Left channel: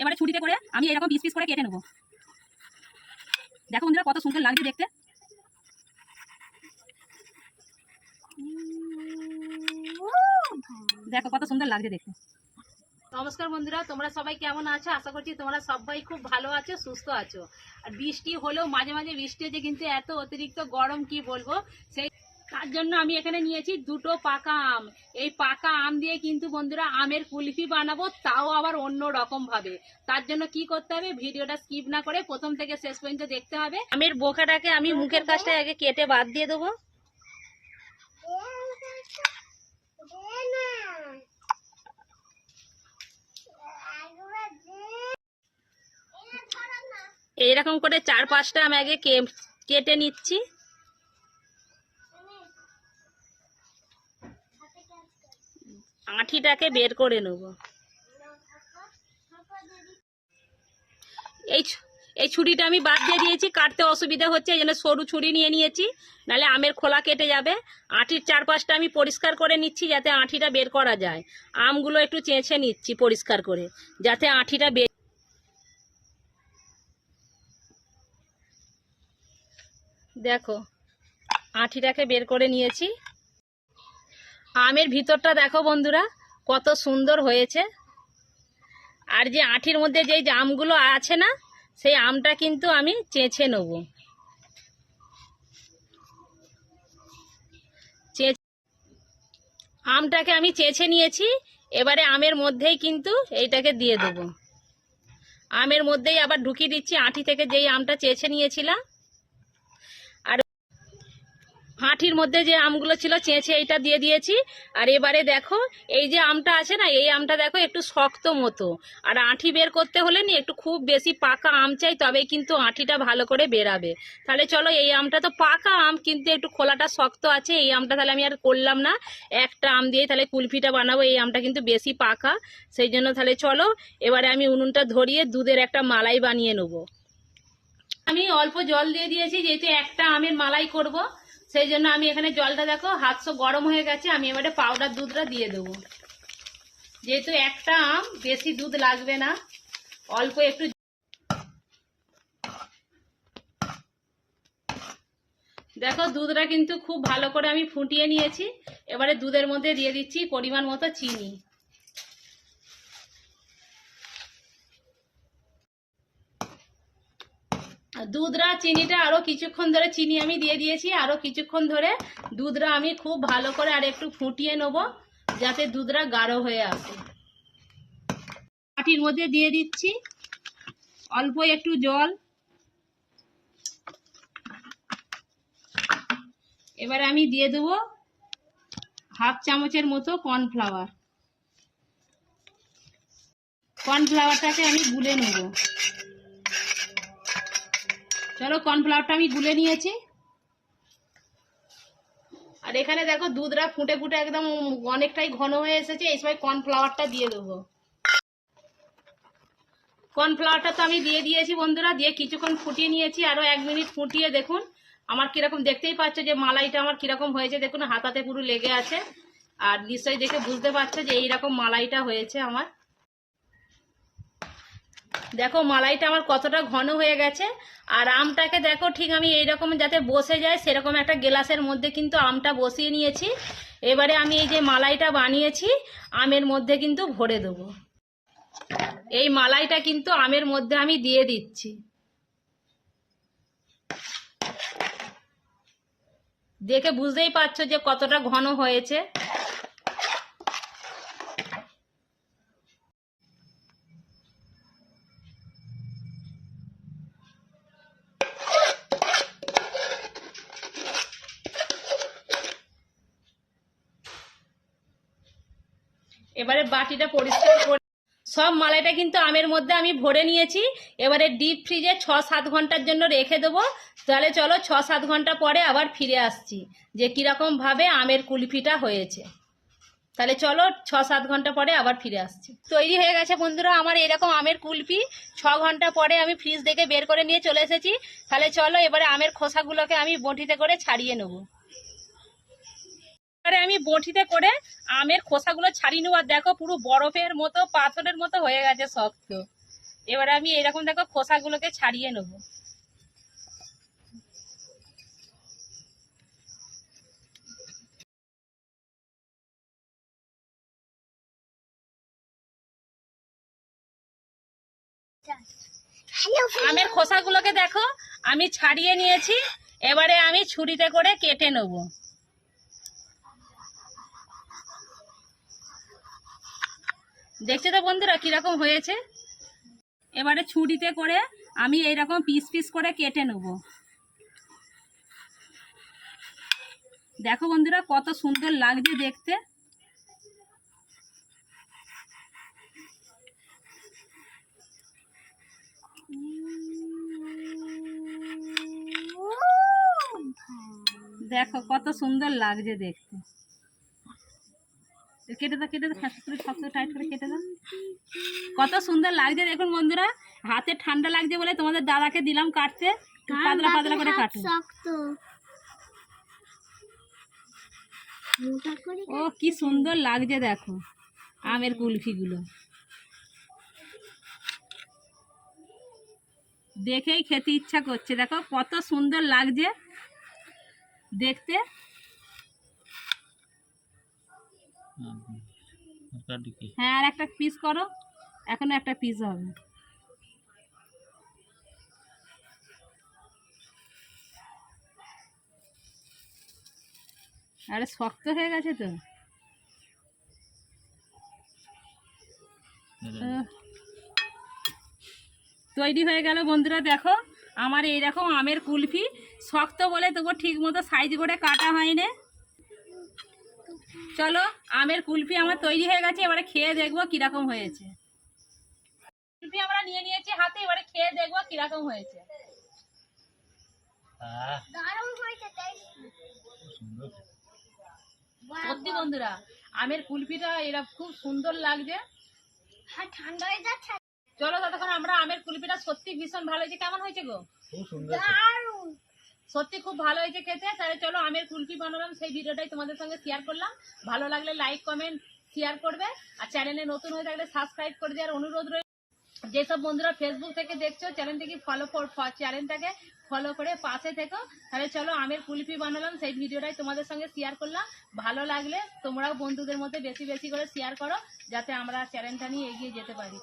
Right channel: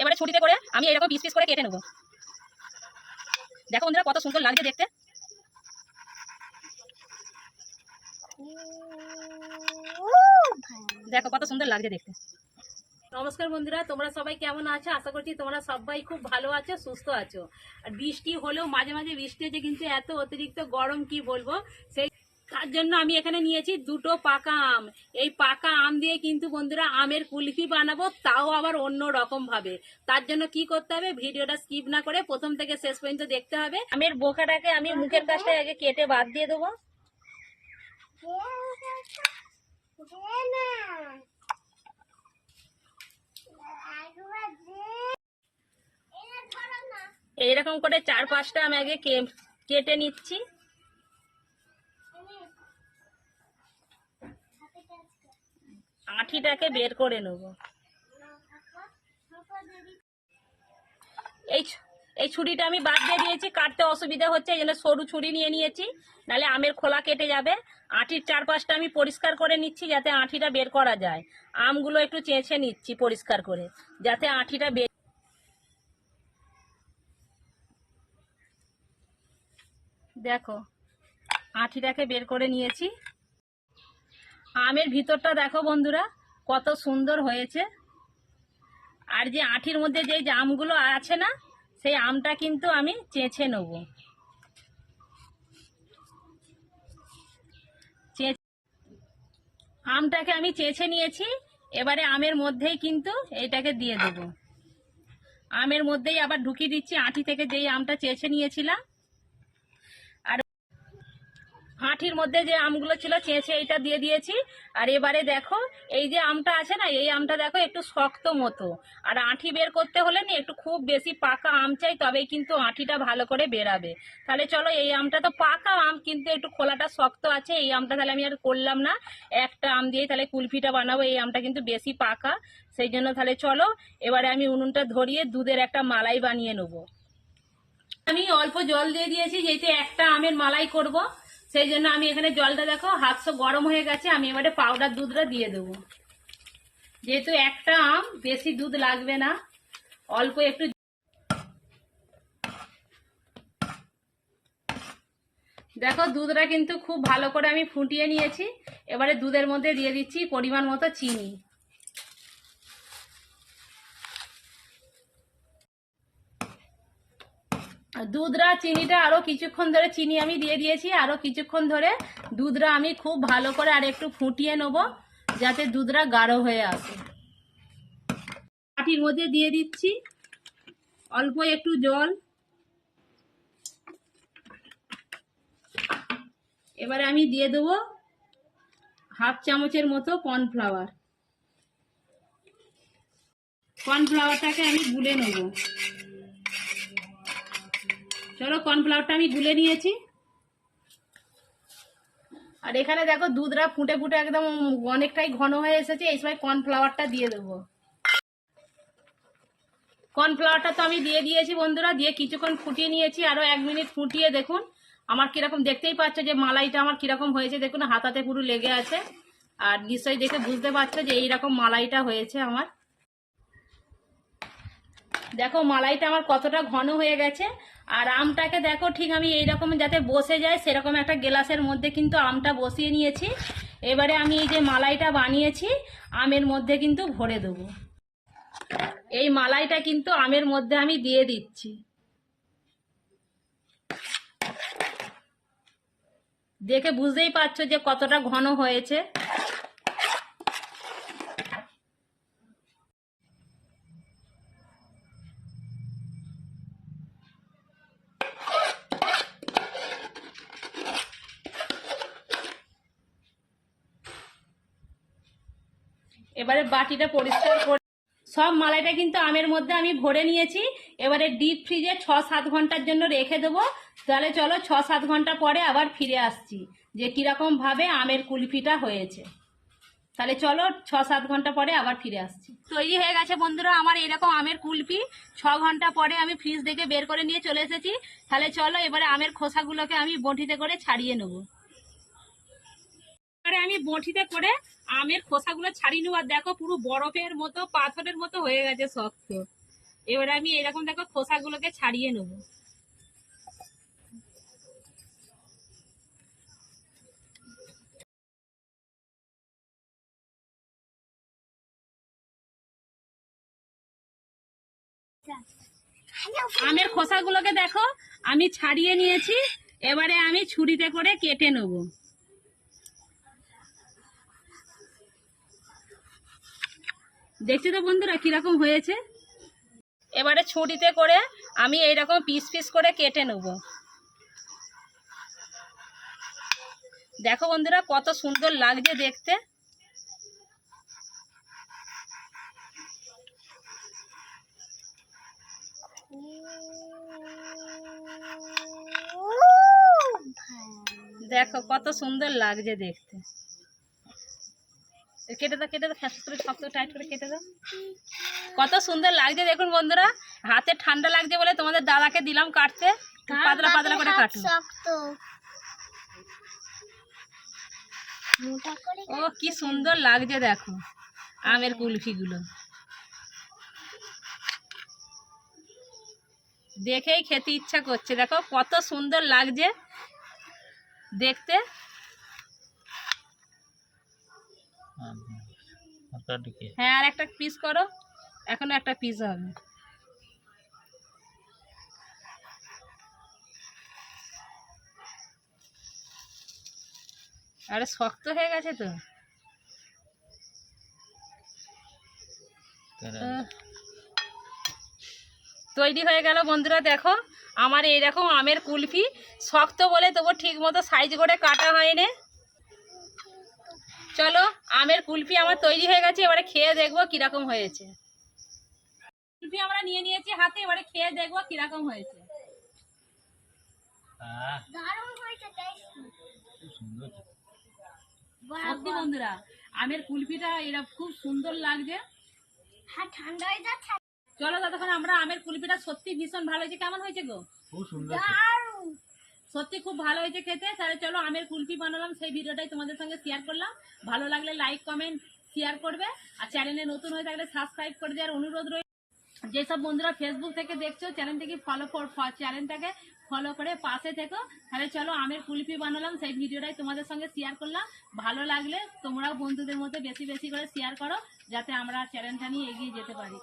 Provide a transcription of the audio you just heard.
এবারে ছুটিতে করে আমি এরকম পিস পিস করে কেটে নেব। দেখো বন্ধুরা কত সুন্দর লাগছে দেখতে। দেখো কত সুন্দর লাগছে দেখতে। নমস্কার বন্ধুরা, তোমরা সবাই কেমন আছো? আশা করছি তোমরা সবাই খুব ভালো আছো, সুস্থ আছো। আর বৃষ্টি হলেও মাঝে মাঝে বৃষ্টি হচ্ছে, কিন্তু এত অতিরিক্ত গরম কি বলব? সেই তার জন্য আমি এখানে নিয়েছি দুটো পাকা আম। এই পাকা আম দিয়ে কিন্তু বন্ধুরা আমের কুলফি বানাবো, তাও আবার অন্য রকম ভাবে তার জন্য কি করতে হবে, ভিডিওটা স্কিপ না করে প্রথম থেকে শেষ পর্যন্ত দেখতে হবে। আমের বোকাটাকে আমি মুখের কাছটা আগে কেটে বাদ দিয়ে দেবো। এইরকম করে চার পাঁচটা আমি আগে কেটে নিচ্ছি। আঁঠিটাকে বের করে নেব। এই এই ছুরিটা আমি বাদ দিয়ে দিয়েছি, কাটতে অসুবিধা হচ্ছে, এই জন্য সরু ছুরি নিয়ে নিয়েছি নাহলে আমের খোলা কেটে যাবে। আঁটির চারপাশটা আমি পরিষ্কার করে নিচ্ছি, যাতে আঁঠিটা বের করা যায়। আমগুলো একটু চেঁচে নিচ্ছি পরিষ্কার করে, যাতে আঁঠিটা বের দেখো, আঁঠিটাকে বের করে নিয়েছি। আমের ভিতরটা দেখো বন্ধুরা, কত সুন্দর হয়েছে। আর যে আঁঠির মধ্যে যে যে আমগুলো আছে না, সেই আমটা কিন্তু আমি চেঁচে নেব। আমটাকে আমি চেঁচে নিয়েছি, এবারে আমের মধ্যেই কিন্তু এইটাকে দিয়ে দেবো। আমের মধ্যেই আবার ঢুকিয়ে দিচ্ছি আঁটি থেকে যেই আমটা চেঁচে নিয়েছিলাম। আঁঠির মধ্যে যে আমগুলো ছিল, চেঁচে এইটা দিয়ে দিয়েছি। আর এবারে দেখো, এই যে আমটা আছে না, এই আমটা দেখো একটু শক্ত মতো। আর আঁঠি বের করতে হলে নি, একটু খুব বেশি পাকা আম চাই, তবেই কিন্তু আঁঠিটা ভালো করে বেরাবে। তাহলে চলো, এই আমটা তো পাকা আম, কিন্তু একটু খোলাটা শক্ত আছে, এই আমটা তাহলে আমি আর করলাম না। একটা আম দিয়ে তাহলে কুলফিটা বানাবো, এই আমটা কিন্তু বেশি পাকা। সেই জন্য তাহলে চলো, এবারে আমি উনুনটা ধরিয়ে দুধের একটা মালাই বানিয়ে নেব। আমি অল্প জল দিয়ে দিয়েছি, যেহেতু একটা আমের মালাই করব। সেই জন্য আমি এখানে জলটা দেখো হাতশো গরম হয়ে গেছে, আমি এবারে পাউডার দুধটা দিয়ে দেবো। যেহেতু একটা আম, বেশি দুধ লাগবে না, অল্প একটু দেখো, দুধটা কিন্তু খুব ভালো করে আমি ফুটিয়ে নিয়েছি, এবারে দুধের মধ্যে দিয়ে দিচ্ছি পরিমাণ মতো চিনি। দুধরা চিনিটা আরও কিছুক্ষণ ধরে চিনি আমি দিয়ে দিয়েছি, আরও কিছুক্ষণ ধরে দুধরা আমি খুব ভালো করে আর একটু ফুটিয়ে নেব যাতে দুধরা গাঢ় হয়ে আসে। মাটির মধ্যে দিয়ে দিচ্ছি অল্প একটু জল। এবারে আমি দিয়ে দেবো হাফ চামচের মতো কর্নফ্লাওয়ার। কর্নফ্লাওয়ারটাকে আমি গুলে নেব। চলো কর্নফ্লাওয়ারটা আমি গুলে নিয়েছি। আর এখানে দেখো দুধটা ফুটে ফুটে একদম অনেকটাই ঘন হয়ে এসেছে, এই সময় কর্নফ্লাওয়ারটা দিয়ে দেবো। কর্নফ্লাওয়ারটা তো আমি দিয়ে দিয়েছি বন্ধুরা, দিয়ে কিছুক্ষণ ফুটিয়ে নিয়েছি আরও এক মিনিট ফুটিয়ে দেখুন। আমার কীরকম, দেখতেই পাচ্ছ যে মালাইটা আমার কীরকম হয়েছে, দেখুন হাতাতে পুরো লেগে আছে। আর নিশ্চয়ই দেখে বুঝতে পারছ যে এইরকম মালাইটা হয়েছে আমার। দেখো মালাইটা আমার কতটা ঘন হয়ে গেছে, আর আমটাকে দেখো ঠিক আমি এইরকম যাতে বসে যায় সেরকম একটা গ্লাসের মধ্যে কিন্তু আমটা বসিয়ে নিয়েছি। এবারে আমি এই যে মালাইটা বানিয়েছি, আমের মধ্যে কিন্তু ভরে দেবো। এই মালাইটা কিন্তু আমের মধ্যে আমি দিয়ে দিচ্ছি। দেখে বুঝতেই পারছ যে কতটা ঘন হয়েছে। এবারে বাটিটা পরিষ্কার করে সব মালাইটা কিন্তু আমের মধ্যে আমি ভরে নিয়েছি। এবারে ডিপ ফ্রিজে ছ সাত ঘণ্টার জন্য রেখে দেবো। তাহলে চলো ছ সাত ঘণ্টা পরে আবার ফিরে আসছি, যে কীরকম ভাবে আমের কুলফিটা হয়েছে। তাহলে চলো ছ সাত ঘণ্টা পরে আবার ফিরে আসছি। তৈরি হয়ে গেছে বন্ধুরা আমার এরকম আমের কুলফি। ছ ঘণ্টা পরে আমি ফ্রিজ থেকে বের করে নিয়ে চলে এসেছি। তাহলে চলো এবারে আমের খোসাগুলোকে আমি বটিতে করে ছাড়িয়ে নেব। এবারে আমি বটিতে করে আমের খোসাগুলো ছাড়িয়ে নেব। আর দেখো পুরো বরফের মতো, পাথরের মতো হয়ে গেছে শক্ত। এবারে আমি এরকম দেখো খোসাগুলোকে ছাড়িয়ে নেব। আমের খোসাগুলোকে দেখো আমি ছাড়িয়ে নিয়েছি। এবারে আমি ছুরিতে করে কেটে নেব। দেখছ তো বন্ধুরা কীরকম হয়েছে? এবারে ছুরিতে করে আমি এইরকম পিস পিস করে কেটে নেব। দেখো বন্ধুরা কত সুন্দর লাগছে দেখতে। দেখো কত সুন্দর লাগছে দেখতে। কেটে দাও কেটে দাও করে শক্ত টাইট করে কেটে দাও। কত সুন্দর লাগছে দেখুন বন্ধুরা। হাতে ঠান্ডা লাগছে বলে তোমাদের দাদাকে দিলাম কাটতে। পাতলা পাতলা করে শক্ত। ও কি সুন্দর লাগছে দেখো আমের কুলফিগুলো। দেখেই খেতে ইচ্ছা করছে দেখো কত সুন্দর লাগছে। দেখতে। হ্যাঁ আর একটা পিস করো। এখনও একটা পিস হবে। আরে শক্ত হয়ে গেছে তো। তৈরি হয়ে গেল বন্ধুরা দেখো। আমার এইরকম আমের কুলফি। শক্ত বলে তবু ঠিক মতো সাইজ করে কাটা হয়নি। চলো আমের কুলফি আমার তৈরি হয়ে গেছে এবারে খেয়ে দেখব কীরকম হয়েছে। কুলফি আমরা নিয়ে নিয়েছি হাতে এবারে খেয়ে দেখব কীরকম হয়েছে। সত্যি বন্ধুরা আমের কুলফিটা এরা খুব সুন্দর লাগছে। হ্যাঁ ঠান্ডা হয়ে যাচ্ছে। চলো ততক্ষণ আমরা আমের কুলফিটা সত্যি ভীষণ ভালো হয়েছে। কেমন হয়েছে গো? খুব সুন্দর সত্যি খুব ভালো হয়েছে খেতে। তাহলে চলো আমের কুলফি বানালাম, সেই ভিডিওটাই তোমাদের সঙ্গে শেয়ার করলাম। ভালো লাগলে লাইক কমেন্ট শেয়ার করবে। আর চ্যানেলে নতুন হয়ে থাকলে সাবস্ক্রাইব করে দেওয়ার অনুরোধ রয়েছে যেসব বন্ধুরা ফেসবুক থেকে দেখছ চ্যানেলটাকে ফলো চ্যানেলটাকে ফলো করে পাশে থেকো। তাহলে চলো আমের কুলফি বানালাম, সেই ভিডিওটাই তোমাদের সঙ্গে শেয়ার করলাম। ভালো লাগলে তোমরাও বন্ধুদের মধ্যে বেশি বেশি করে শেয়ার করো, যাতে আমরা চ্যানেলটা নিয়ে এগিয়ে যেতে পারি।